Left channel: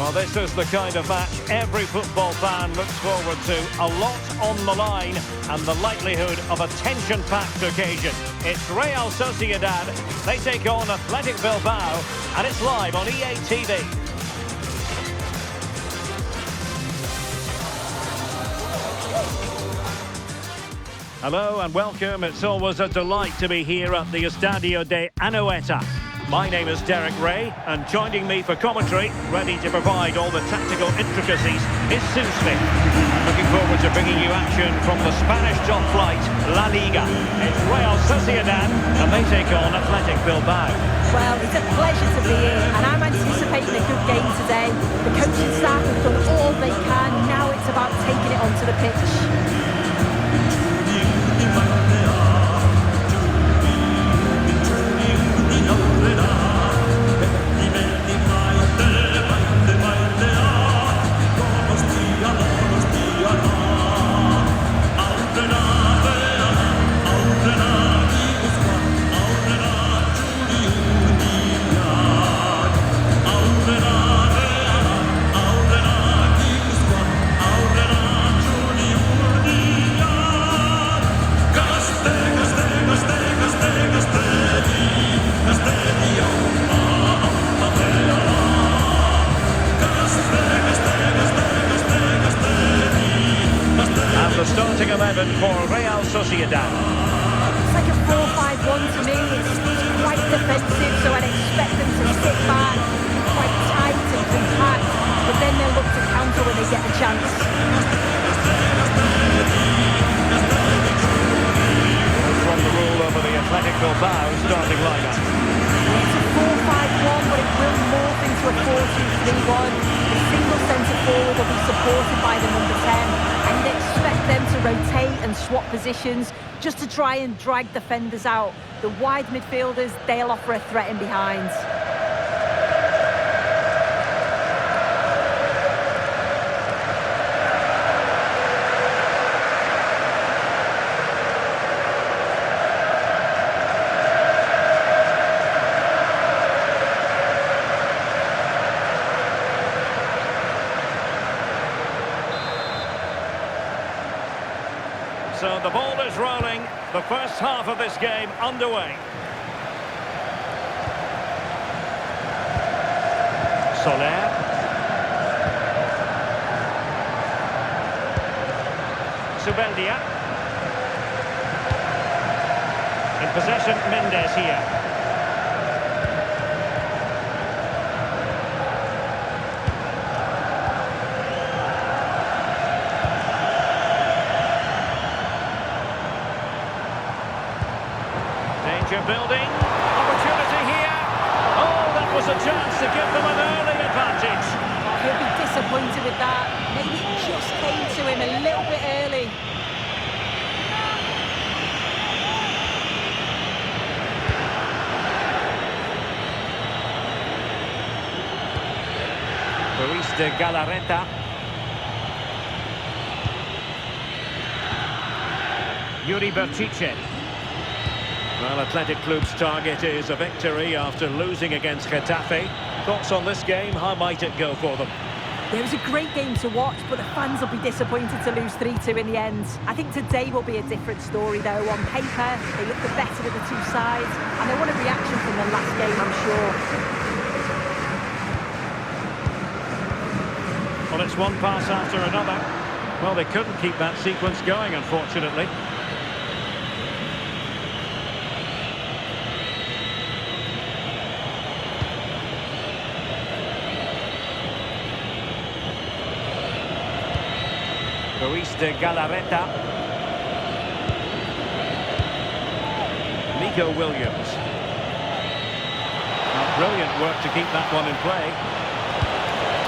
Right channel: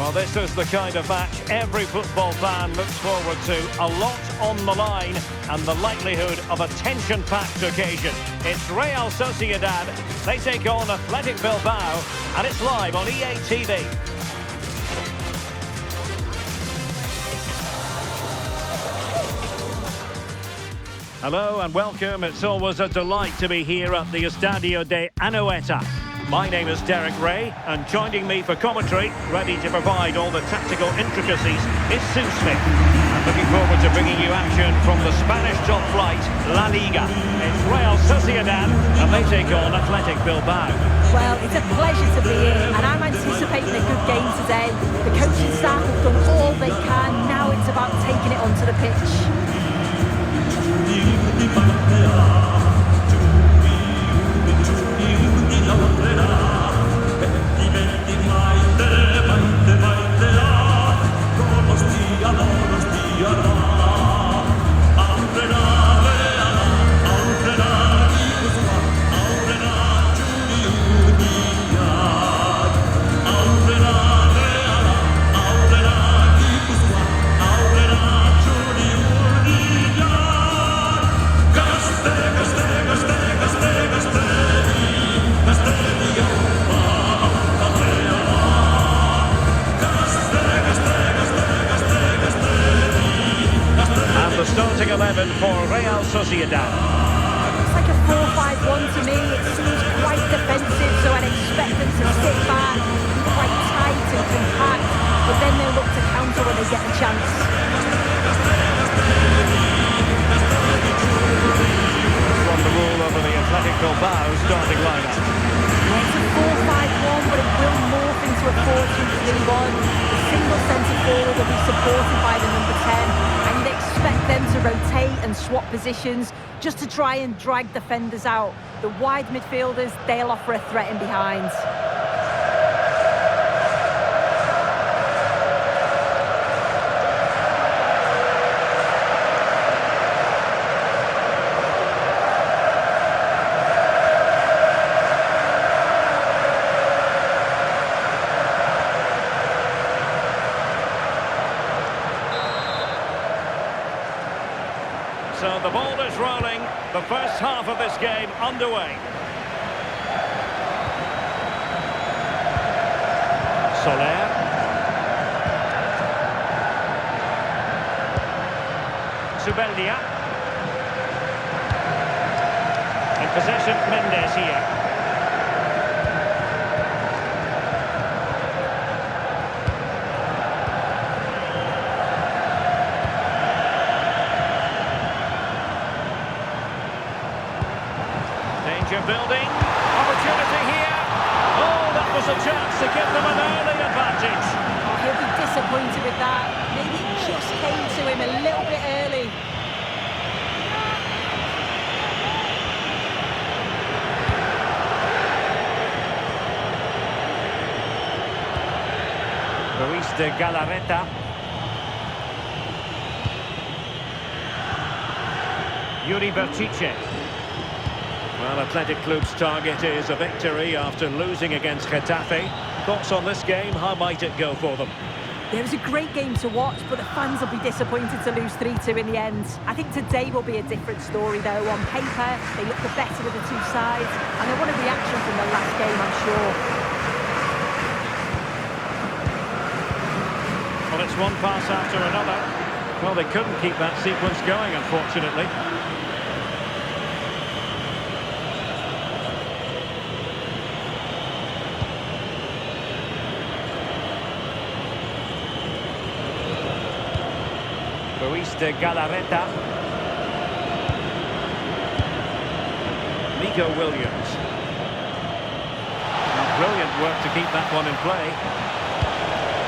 Well, this is the kind of match every football fan looks forward to. A lot on the line and the likelihood of a tension-packed occasion. It's Real Sociedad. They take on Athletic Bilbao, and it's live on EA TV. Hello and welcome. It's always a delight to be here at the Estadio de Anoeta. My name is Derek Ray, and joining me for commentary, ready to provide all the tactical intricacies, is Sue Smith. I'm looking forward to bringing you action from the Spanish top flight, La Liga. It's Real Sociedad, and they take on Athletic Bilbao. Well, it's a pleasure to be here, and I'm anticipating a good game today. The coaching staff have done all they can. Now it's about taking it onto the pitch. The starting 11 for Real Sociedad. It's like a 4-5-1 to me. It seems quite defensive, so I'd expect them to sit back, be quite tight and compact, but then they'll look to counter when they get the chance. That's from the rule over the Athletic Bilbao starting lineup. Yeah, it's a 4-5-1, but it will morph into a 4-2-3-1. The single centre forward will be supported by the number 10. And you'd expect them to rotate and swap positions just to try and drag defenders out. The wide midfielders, they'll offer a threat in behind. So the ball is rolling, the first half of this game underway. Soler. Zubeldia. In possession, Mendes here. Danger building, opportunity here. Oh, that was a chance to give them an early advantage. Oh, he'll be disappointed with that. Maybe it just came to him a little bit early. Ruiz de Galarreta. Yuri Berchiche. Well, Athletic Club's target is a victory after losing against Getafe. Thoughts on this game? How might it go for them? Yeah, it was a great game to watch, but the fans will be disappointed to lose 3-2 in the end. I think today will be a different story, though. On paper, they look the better of the two sides, and they want a reaction from the last game, I'm sure. Well, it's one pass after another. Well, they couldn't keep that sequence going, unfortunately. Ruiz de Galarreta. Nico Williams. Now, brilliant work to keep that one in play.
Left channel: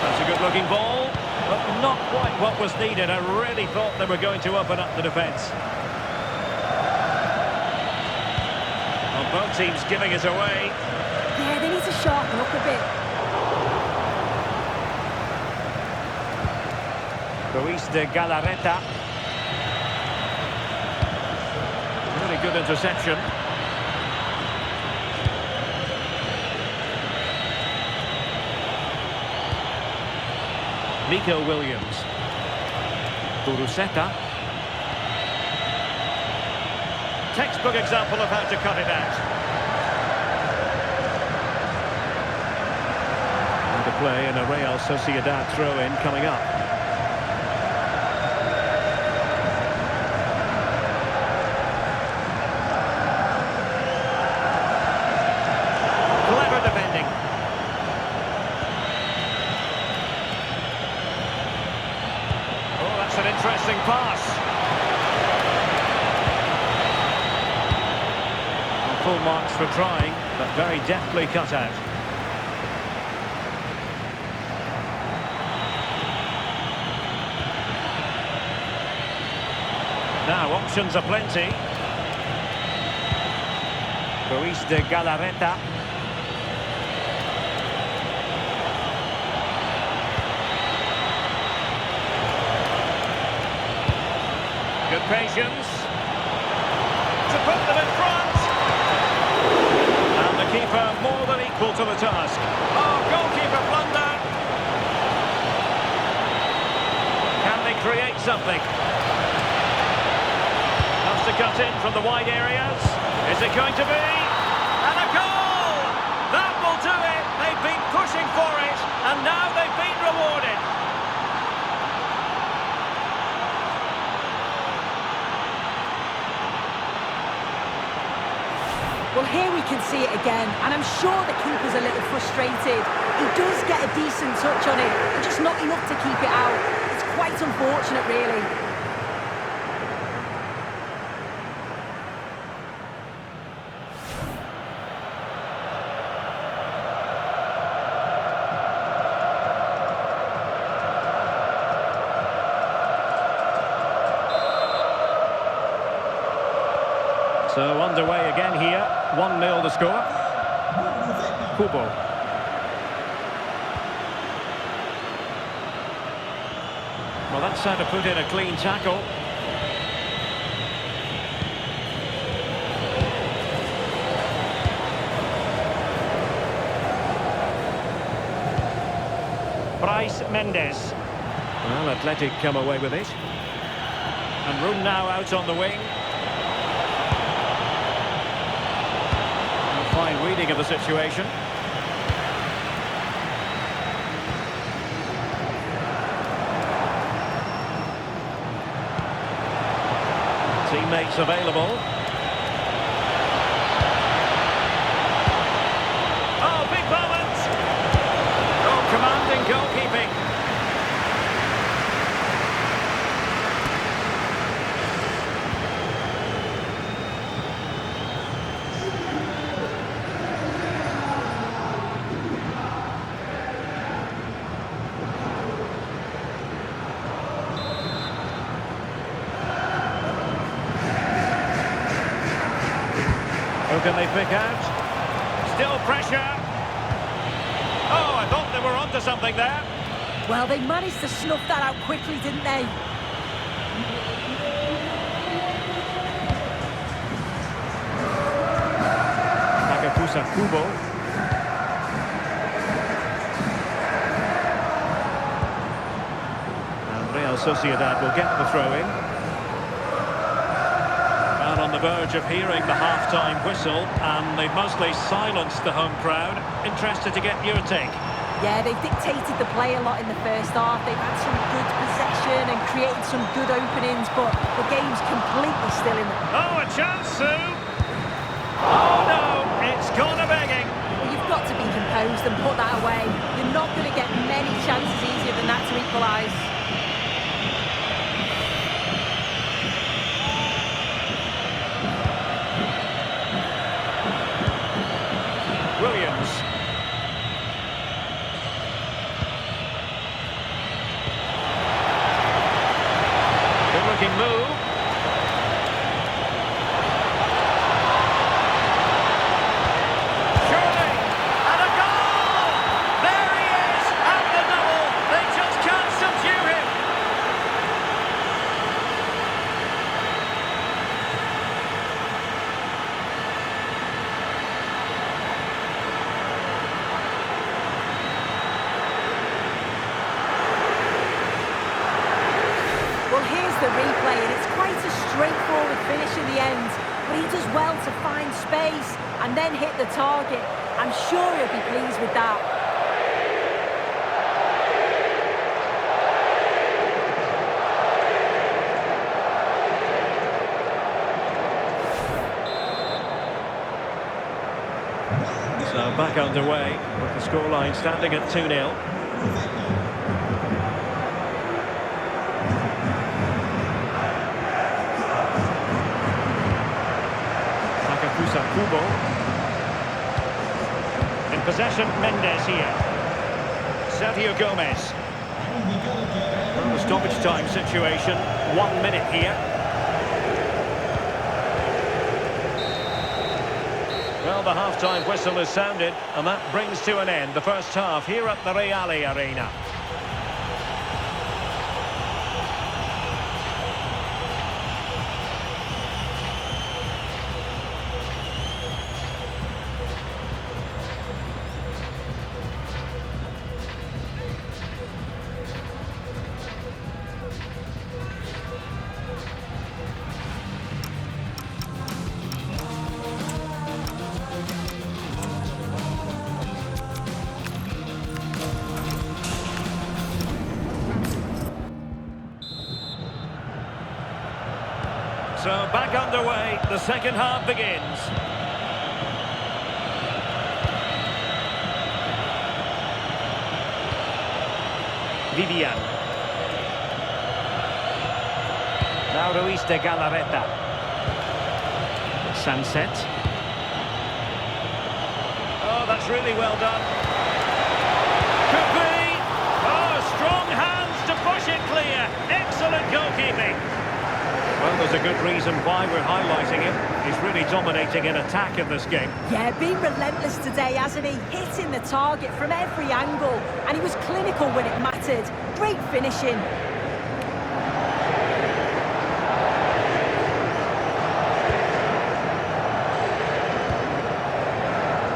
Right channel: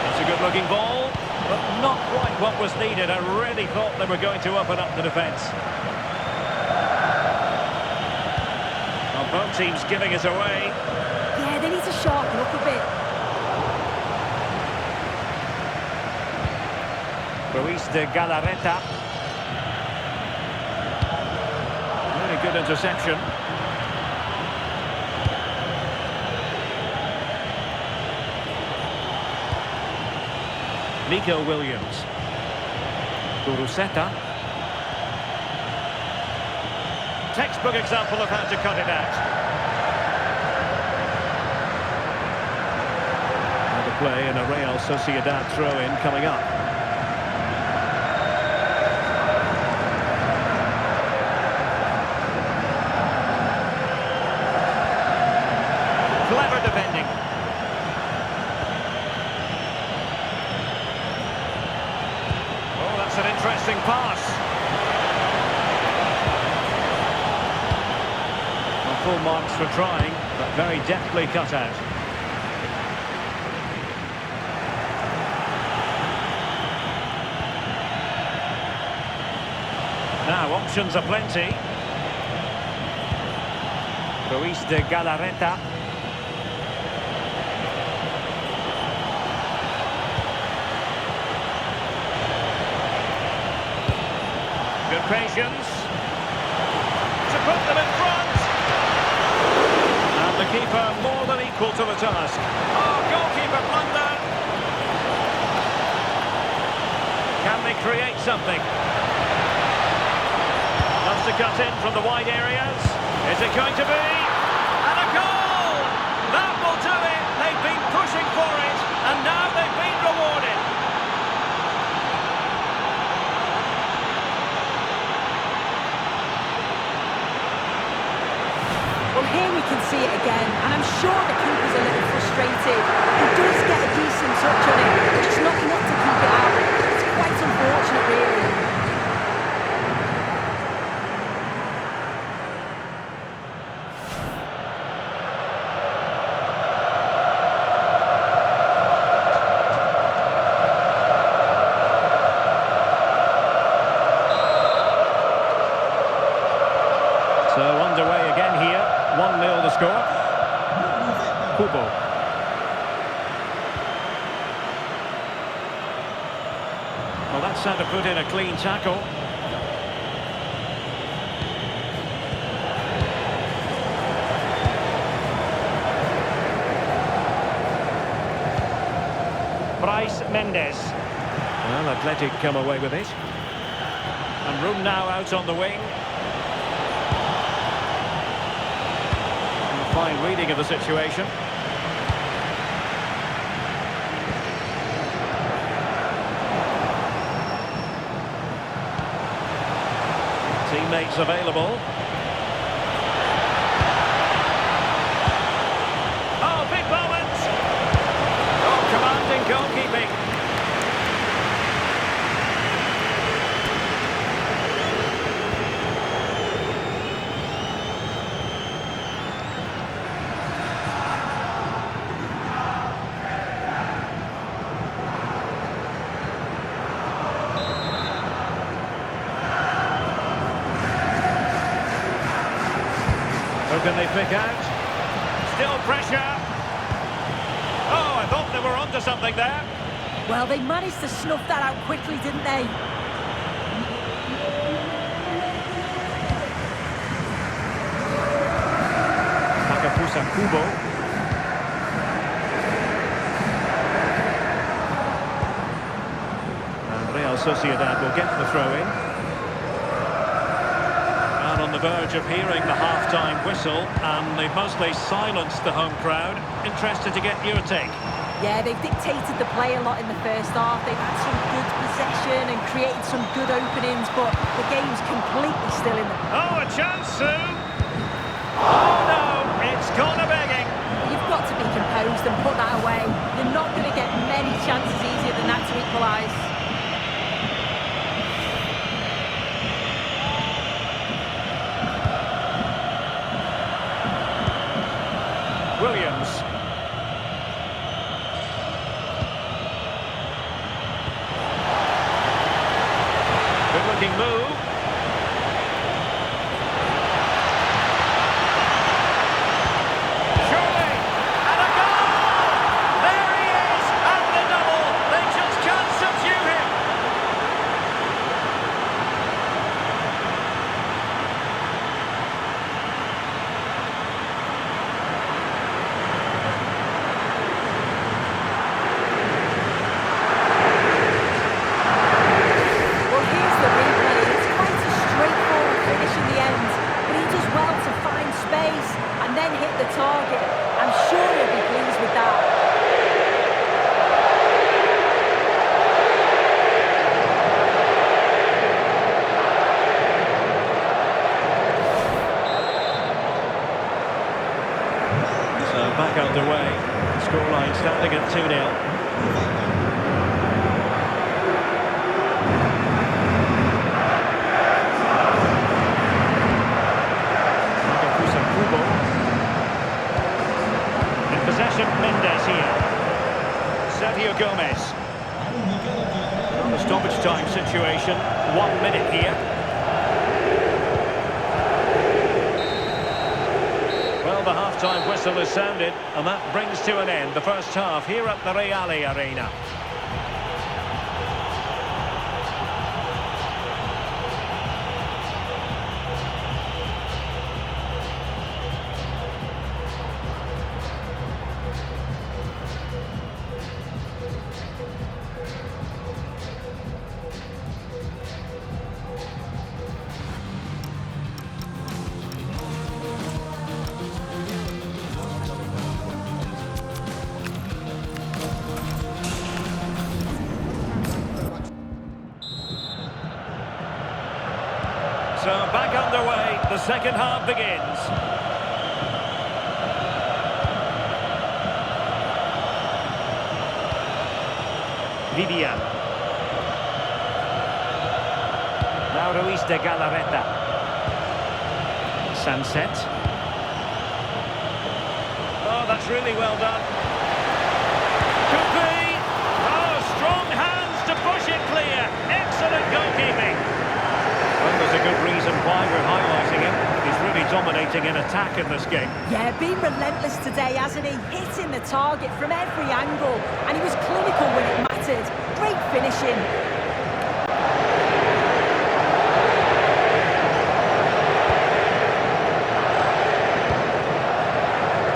That's a good-looking ball, but not quite what was needed. I really thought they were going to open up the defence. Well, both teams giving it away. Yeah, they need to sharpen up a bit. Ruiz de Galarreta. Really good interception. Nico Williams. Guruseta. Textbook example of how to cut it out. Now the play and a Real Sociedad throw-in coming up. Clever defending. Oh, that's an interesting pass. Full marks for trying, but very deftly cut out. Now options are plenty. Ruiz de Galarreta. Good patience to put them in front. And the keeper more than equal to the task. Oh, goalkeeper blunder. Can they create something? Loves to cut in from the wide areas. Is it going to be? And a goal! That will do it. They've been pushing for it, and now they've been rewarded. Well, here we can see it again, and I'm sure the keeper's a little frustrated. He does get a decent touch on it, but just not enough to keep it out. It's quite unfortunate, really. So underway again here, 1-0 the score. Kubo. Well, that's how to put in a clean tackle. Bryce Mendes. Well, Athletic come away with it. And room now out on the wing. Fine reading of the situation. Teammates available. Oh, big moment! Oh, commanding goalkeeping. Who can they pick out? Still pressure. Oh, I thought they were onto something there. Well, they managed to snuff that out quickly, didn't they? Takafusa Kubo. And Real Sociedad will get the throw-in. On the verge of hearing the half-time whistle, and they've mostly silenced the home crowd. Interested to get your take. Yeah, they've dictated the play a lot in the first half. They've had some good possession and created some good openings, but the game's completely still in the... Oh, a chance, Sue! Oh, no, it's corner begging. Well, you've got to be composed and put that away. You're not going to get many chances easier than that to equalise. Williams. Good-looking move. Surely, and a goal! There he is, and the double. They just can't subdue him. space and then hit the target. I'm sure he'll be pleased with that. So back underway, the scoreline standing at 2-0. In possession, Mendes here. Sergio Gomez. Not a stoppage time situation. 1 minute here. Well, the half-time whistle has sounded, and that brings to an end the first half here at the Real Arena. So back underway, the second half begins. Vivian. Now Ruiz de Galarreta. Sunset. Oh, that's really well done. Could be. Oh, strong hands to push it clear. Excellent goalkeeping. Well, there's a good reason why we're highlighting him. He's really dominating in attack in this game. Yeah, been relentless today, hasn't he? Hitting the target from every angle. And he was clinical when it mattered. Great finishing.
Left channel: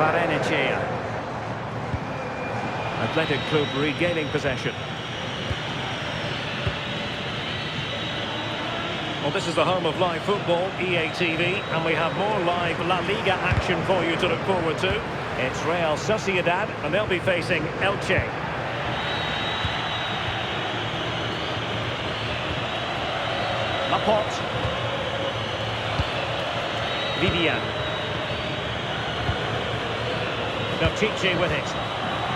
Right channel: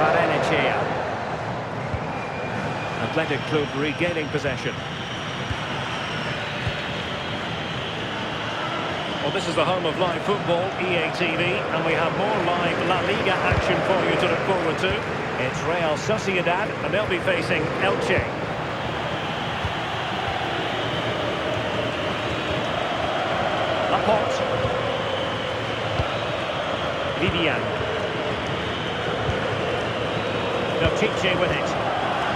Barrenechea. Athletic Club regaining possession. Well, this is the home of live football, EA TV, and we have more live La Liga action for you to look forward to. It's Real Sociedad, and they'll be facing Elche. Laporte. Vivian. Notice with it.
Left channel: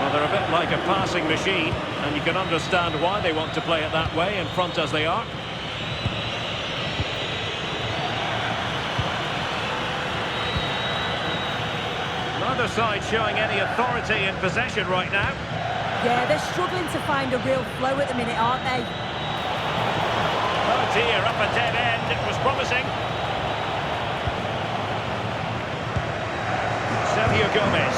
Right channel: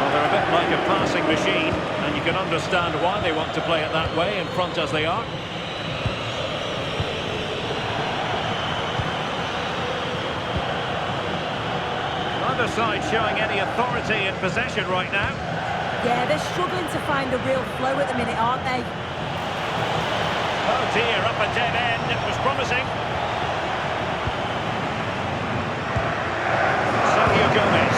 Well, they're a bit like a passing machine, and you can understand why they want to play it that way, in front as they are. Neither side showing any authority in possession right now. Yeah, they're struggling to find a real flow at the minute, aren't they? Oh dear, up a dead end. It was promising. Sergio Gomez.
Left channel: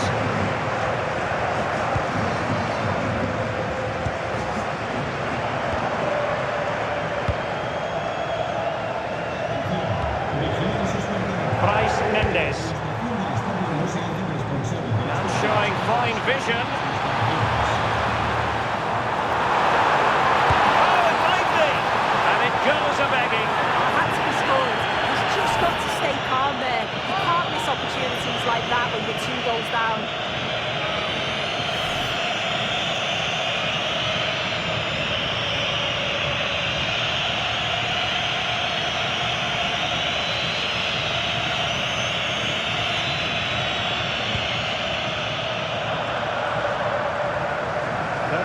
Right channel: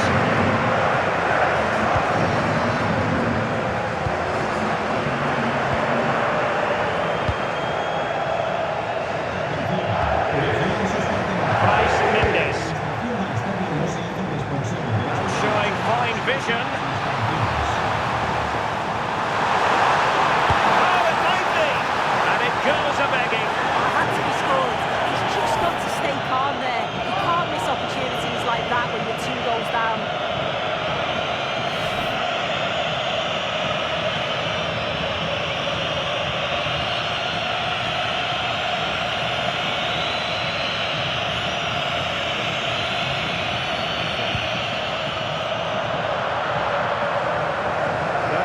Mendes. And showing fine vision. Oh, it might be. And it goes a-begging. Had to be scored. He's just got to stay calm there. You can't miss opportunities like that when you're 2 goals down.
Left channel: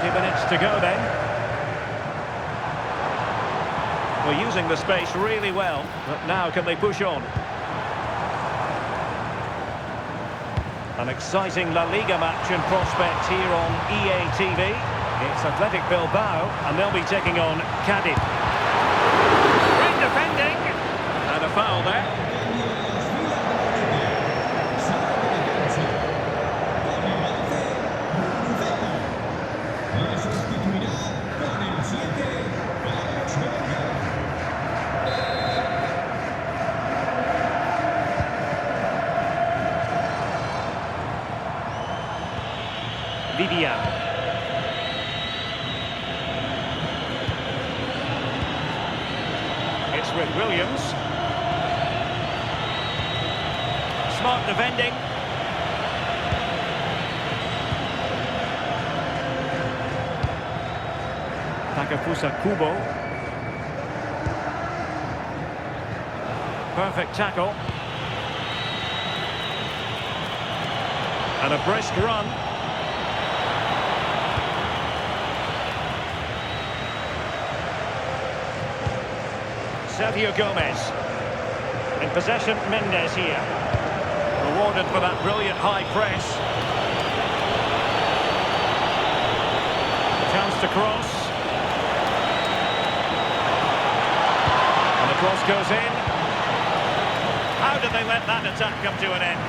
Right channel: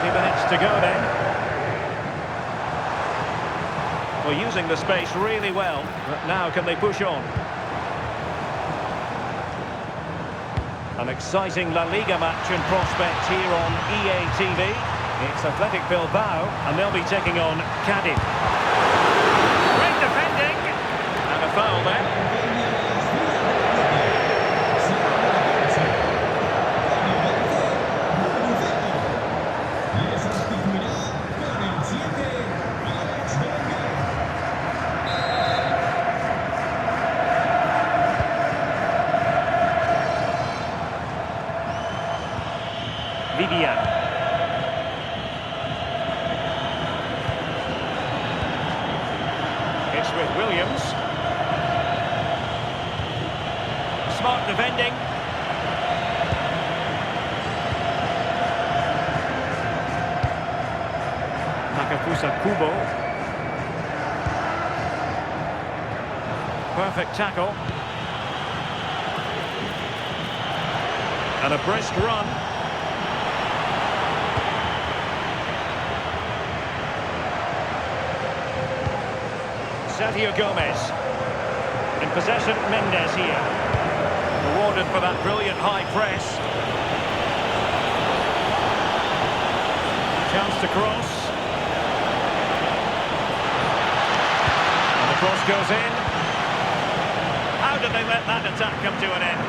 Minutes to go then. We're using the space really well, but now can they push on? An exciting La Liga match in prospect here on EA TV. It's Athletic Bilbao, and they'll be taking on Cadiz. Great defending, and a foul there. Vivian. It's with Williams. Smart defending. Takafusa Kubo. Perfect tackle. And a brisk run. Sergio Gomez. In possession, Mendes here. Rewarded for that brilliant high press. Chance to cross. And the cross goes in. How did they let that attack come to an end?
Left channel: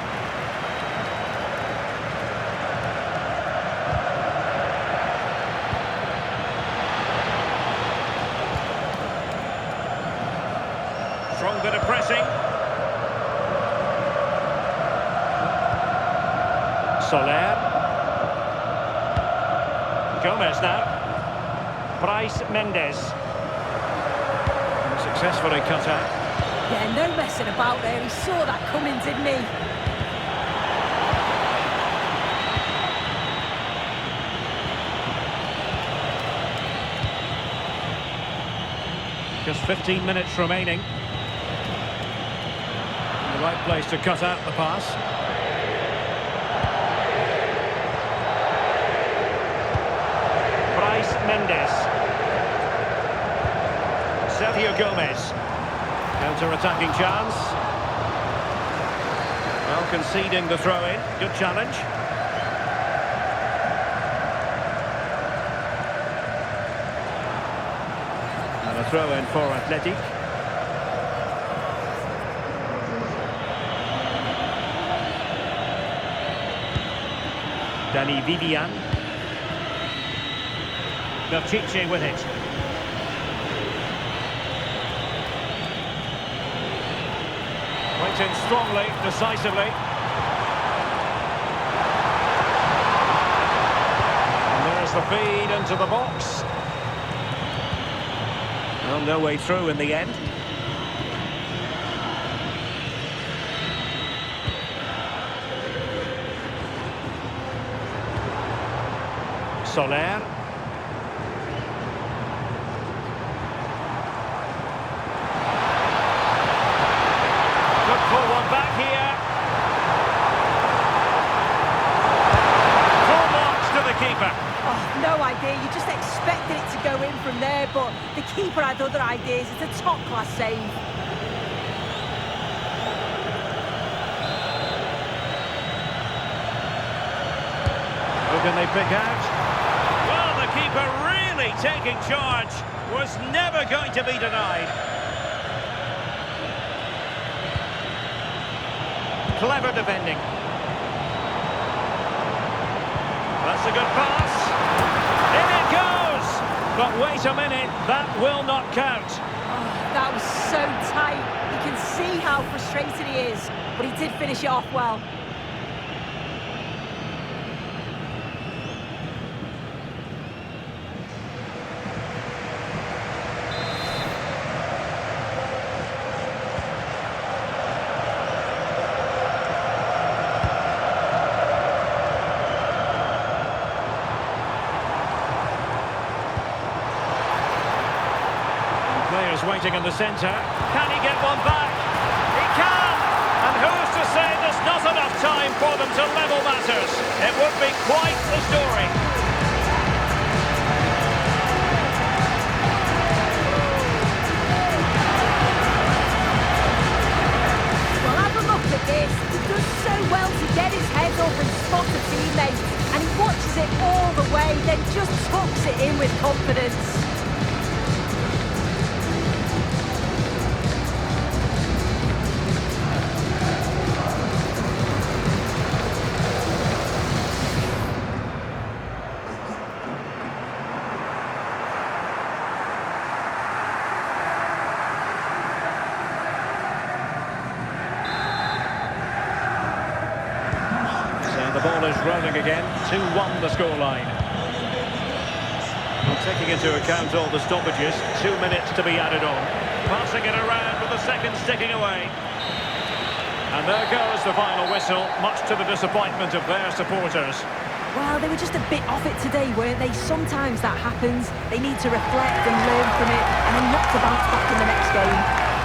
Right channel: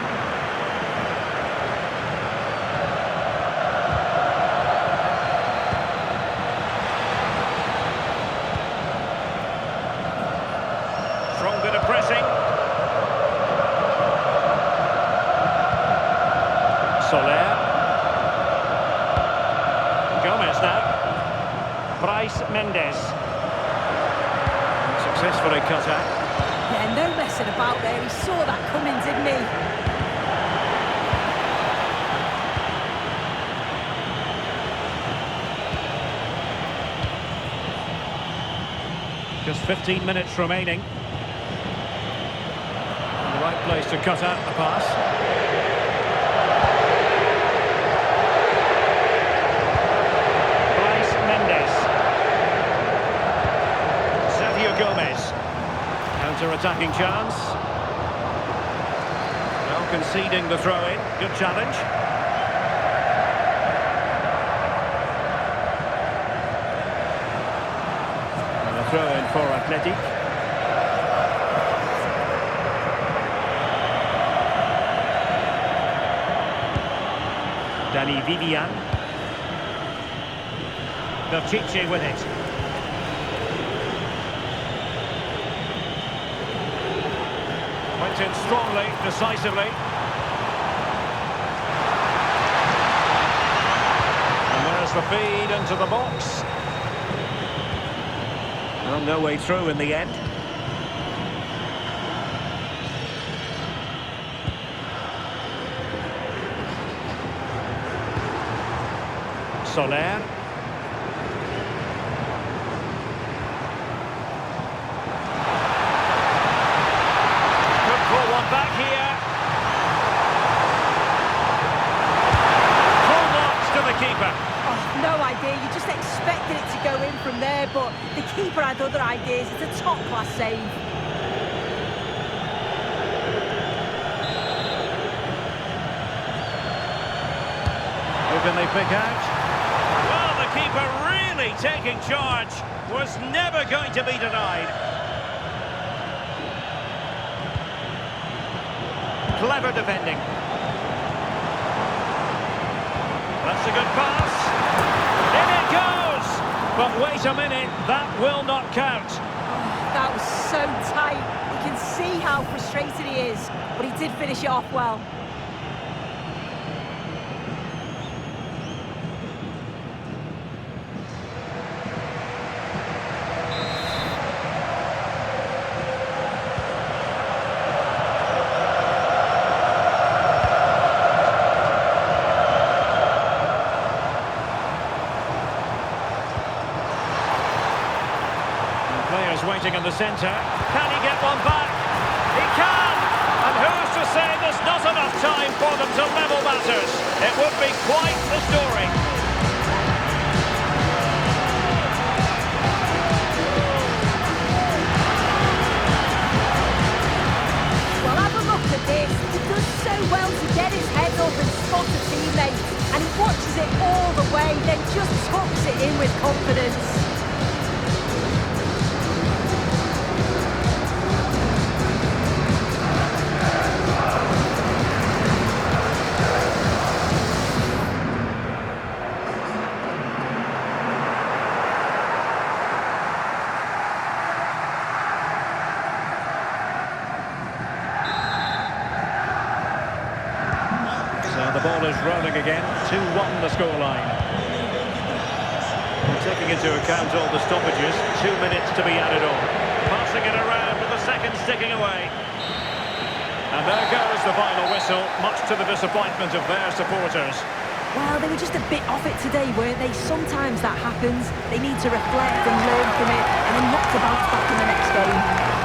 Strong bit of pressing. Soler. Gomez now. Bryce Mendes. Successfully cut out. Yeah, no messing about there. He saw that coming, didn't he? Just 15 minutes remaining. In the right place to cut out the pass. Bryce Mendes. Sergio Gomez. Counter-attacking chance. Well, conceding the throw-in. Good challenge. And a throw-in for Athletic. Danny Vivian. Berchiche with it. Went in strongly, decisively. And there's the feed into the box. Well, no way through in the end. Soler. Could pull one back here. Full marks to the keeper. Oh, no idea. You just expected it to go in from there, but the keeper had other ideas. It's a top-class save. Who can they pick out? Well, the keeper really taking charge. Was never going to be denied. Clever defending. That's a good pass. In it goes! But wait a minute, that will not count. Oh, that was so tight. You can see how frustrated he is, but he did finish it off well. Players waiting in the centre. Can he get one back? He can! And who's to say there's not enough time for them to level matters? It would be quite the story. Well, have a look at this. He does so well to get his head up and spot a teammate. And he watches it all the way, then just tucks it in with confidence. The ball is rolling again. 2-1 the scoreline. Well, taking into account all the stoppages, 2 minutes to be added on. Passing it around with the seconds ticking away. And there goes the final whistle, much to the disappointment of their supporters. Well, they were just a bit off it today, weren't they? Sometimes that happens. They need to reflect and learn from it and then look to bounce back in the next game.